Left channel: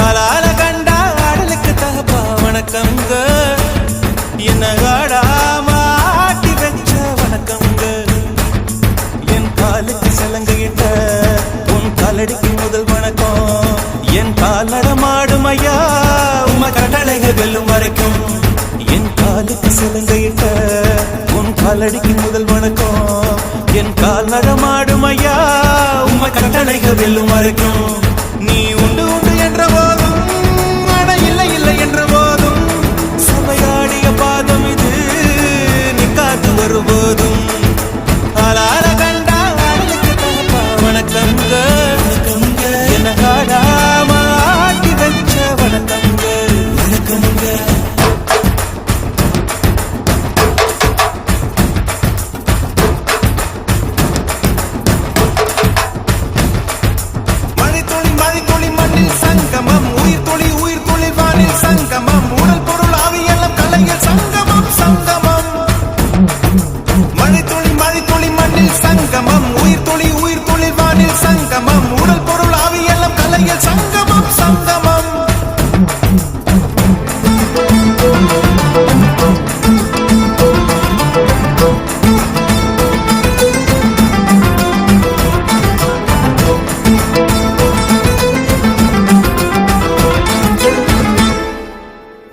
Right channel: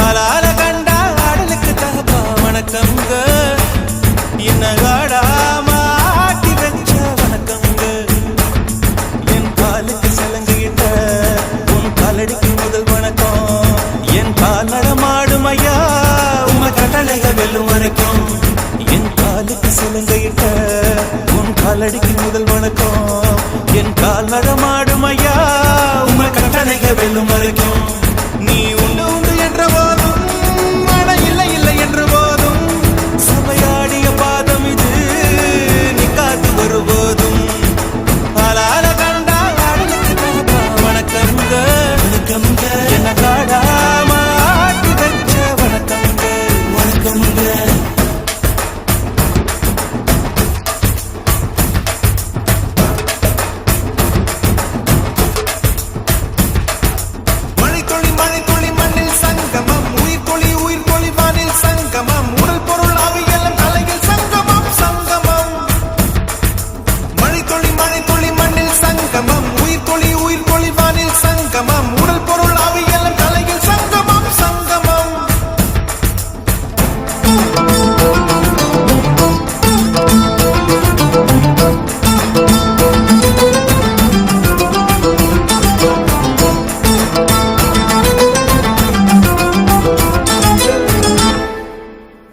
ஆளால கண்டா ஆடலுக்கு தகப்பா வணக்கங்க. என்ன ஆடாம ஆட்டி வச்ச வணக்கங்க. என் காலுக்கு சலங்கையிட்ட உன் காலடிக்கு முதல் வணக்கம். என் கால் நடமாடும் ஐயா உம கடலைக வெல்லும் வரைக்கும். என் காலுக்கு சலங்கையிட்ட உன் காலடிக்கு முதல் வணக்கம். என் கால் நடமாடும் ஐயா உம கடலைக வெல்லும் வரைக்கும். நீ உண்டு உண்டு என்ற போதும் அட இல்லை இல்லை என்ற போதும் சபையாடிய பாதம் இது நீ காத்து வரும்போதும். ஆளால கண்டா ஆடலுக்கு தகப்பா வணக்கங்க. என்ன காடாம ஆட்டி வச்ச வணக்கங்க.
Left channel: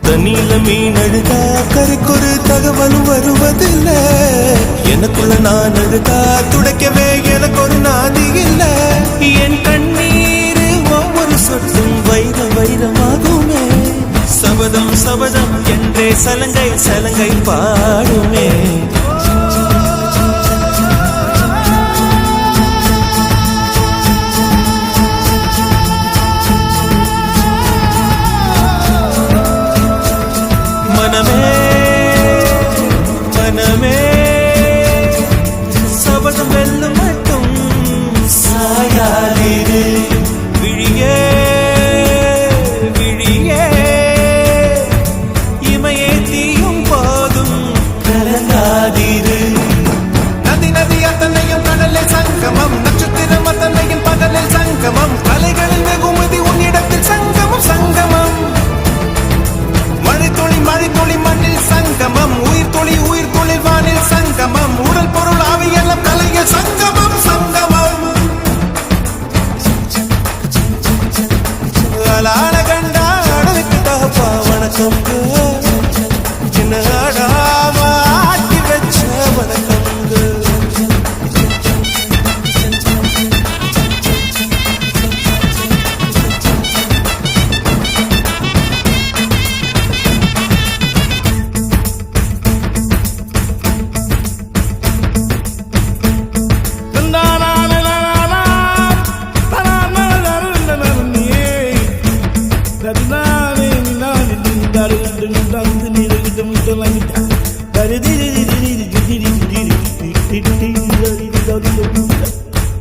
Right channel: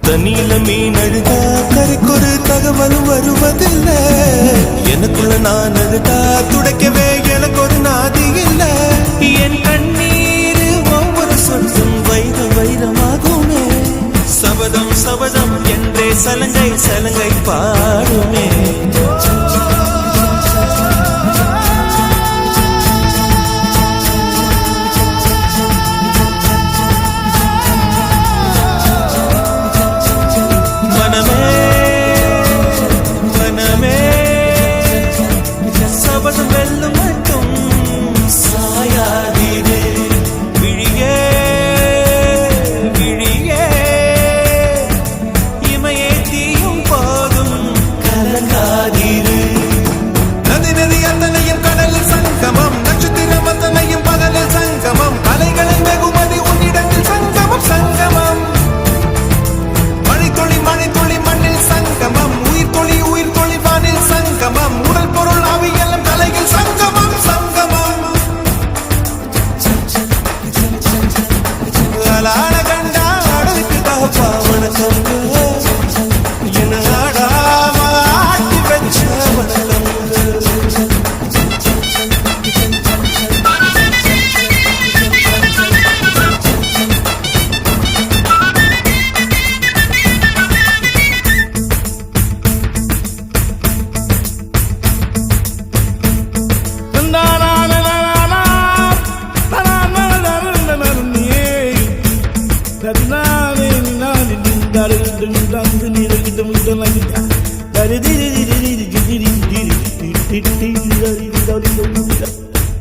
தண்ணியில மீன் அழுதா கரைக்கொரு தகவலும் வருவதில்லை. எனக்குள்ள நான் அழுதா துடைக்கவே எனக்கு ஒரு நாதி இல்லை. என் கண்ணீர் ஒவ்வொரு சொட்டும் வைரம் வைரமாகுமே. சபதம் சபதம் என்றே சலங்கை சலங்கை பாடுமே. மனமே மனமே சபதம் வெல்லும் மட்டும் சாயாதீரு. விழியே விழியே இமையே தீயும் போதும் கலங்காதீரு. நதி நதி அத்தனையும் கடலில் சங்கமம். நட்சத்திரம் அத்தனையும் பகலில் சங்கமம். கலைகளில் வெகுமதி உன்னிடத்தில் சங்கமம் சங்கமம். மழைத்துளி மண்ணில் சங்கமம். உயிர் துளி வானில் சங்கமம். உடல் பொருள் ஆவியெல்லாம் தலையில் சங்கமம் சங்கமம். ஆளான கண்டா ஆடலுக்கு தகப்பா வணக்கங்க. என்ன ஆடாம ஆட்டி வச்ச வணக்கங்க.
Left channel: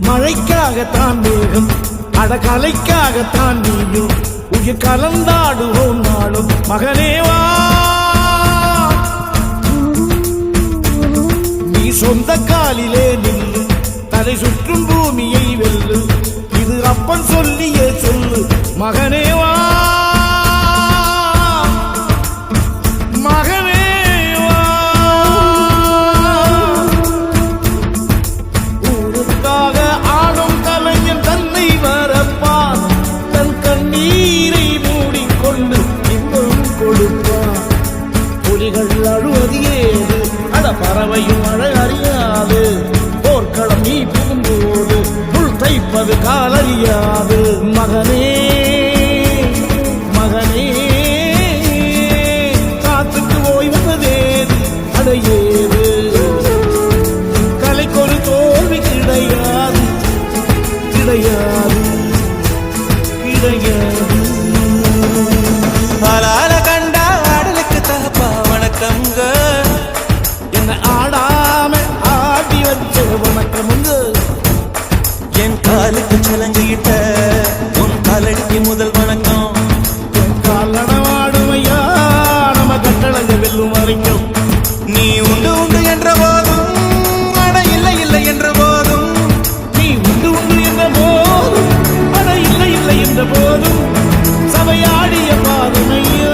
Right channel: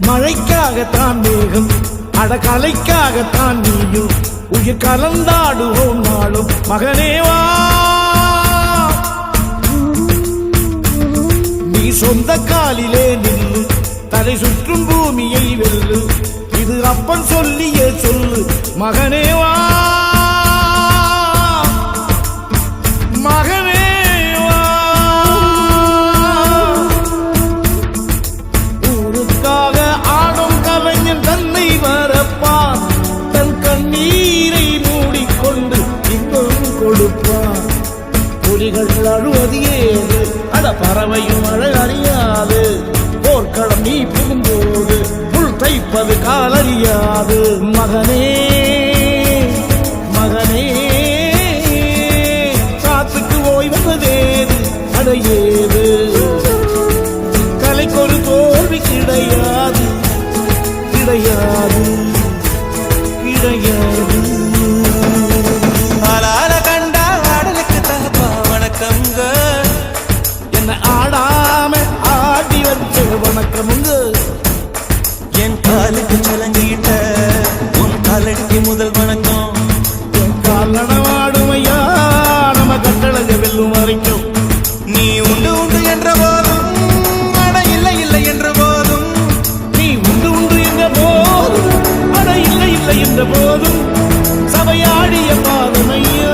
மழைக்காகத்தான் மேகம் அடகலைக்காகத்தான் நீயும் உயிர் கலந்தாடுவோம் நாளும் மகனேவா. நீ சொந்த காலிலே நில்லு தலை சுற்றும் பூமியை வெல்லு. இது அப்பன் சொல்லியே சொல்லு மகனேவா மகனேவா. ஊருக்காக ஆடும் கலைஞன் தன்னை வரப்பான். தன் கண்ணீரை மூடிக்கொண்டு இன்பம் கொடுப்பான். புலிகள் அழுவது ஏது அட பறவையும் அழகறியாது. போர்க்களம் நீ புகும்போது முள் தைப்பது காலறியாது. மகனே மகனே காத்துக்கு ஓய்வதேது அடையேது. கலைக்கொரு தோல்வி கிடையாது கிடையாது கிடையாது. ஆளால கண்டா ஆடலுக்கு தகப்பா வணக்கங்க. என்ன ஆடாம ஆடி வச்ச வணக்கமுங்க. என் காலுக்கு சலங்கையிட்ட உன் காலடிக்கு முதல் வணக்கம். என் கால் நடமாடுமையா நம்ம கட்டளைய வெல்லும் வரைக்கும். நீ உண்டு உண்டு என்ற போதும் அட இல்லை இல்லை என்ற போதும். நீ உண்டு உண்டு என்ற போதும் அட இல்லை இல்லை என்ற போதும். சபை சாதனையோ